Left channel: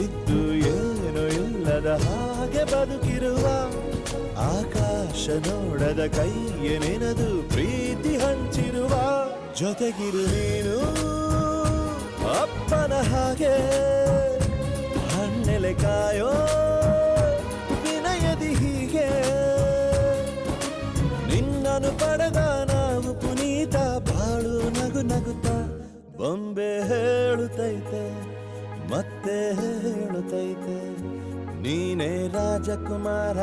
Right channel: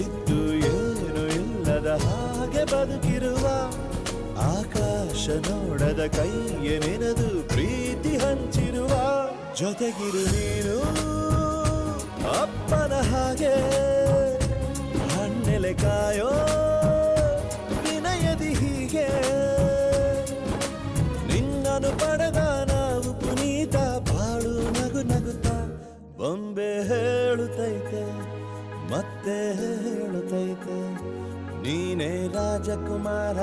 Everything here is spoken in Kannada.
ಇದ್ದು ಏನು ಇಲ್ಲದ ಹಾಗೆ ಬದುಕಿರುವ ಆಕಾಶ ನೋಡದ ಕೈಯ ನೆನೆದು ಪ್ರೀತಿ ಹಂಚಿರುವ ಜೊತೆಗಿರು ನೀನು ಅಪ್ಪನ ಹಾಗೆ ಹಣ್ಣೆಲೆ ಕಾಯೋ ವಿನಯದಿ ಹೀಗೆ ನಿನ್ನನು ಪಡೆದ ನಾವು ಪುನೀತ ಬಾಳು ನಗು ನಗುತ್ತಾ ಬೊಂಬೆ ಹೇಳುತ್ತೈತೆ ಮತ್ತೆ ಹೇಳುತ್ತೈತೆ ನೀನೇ ರಾಜಕುಮಾರ.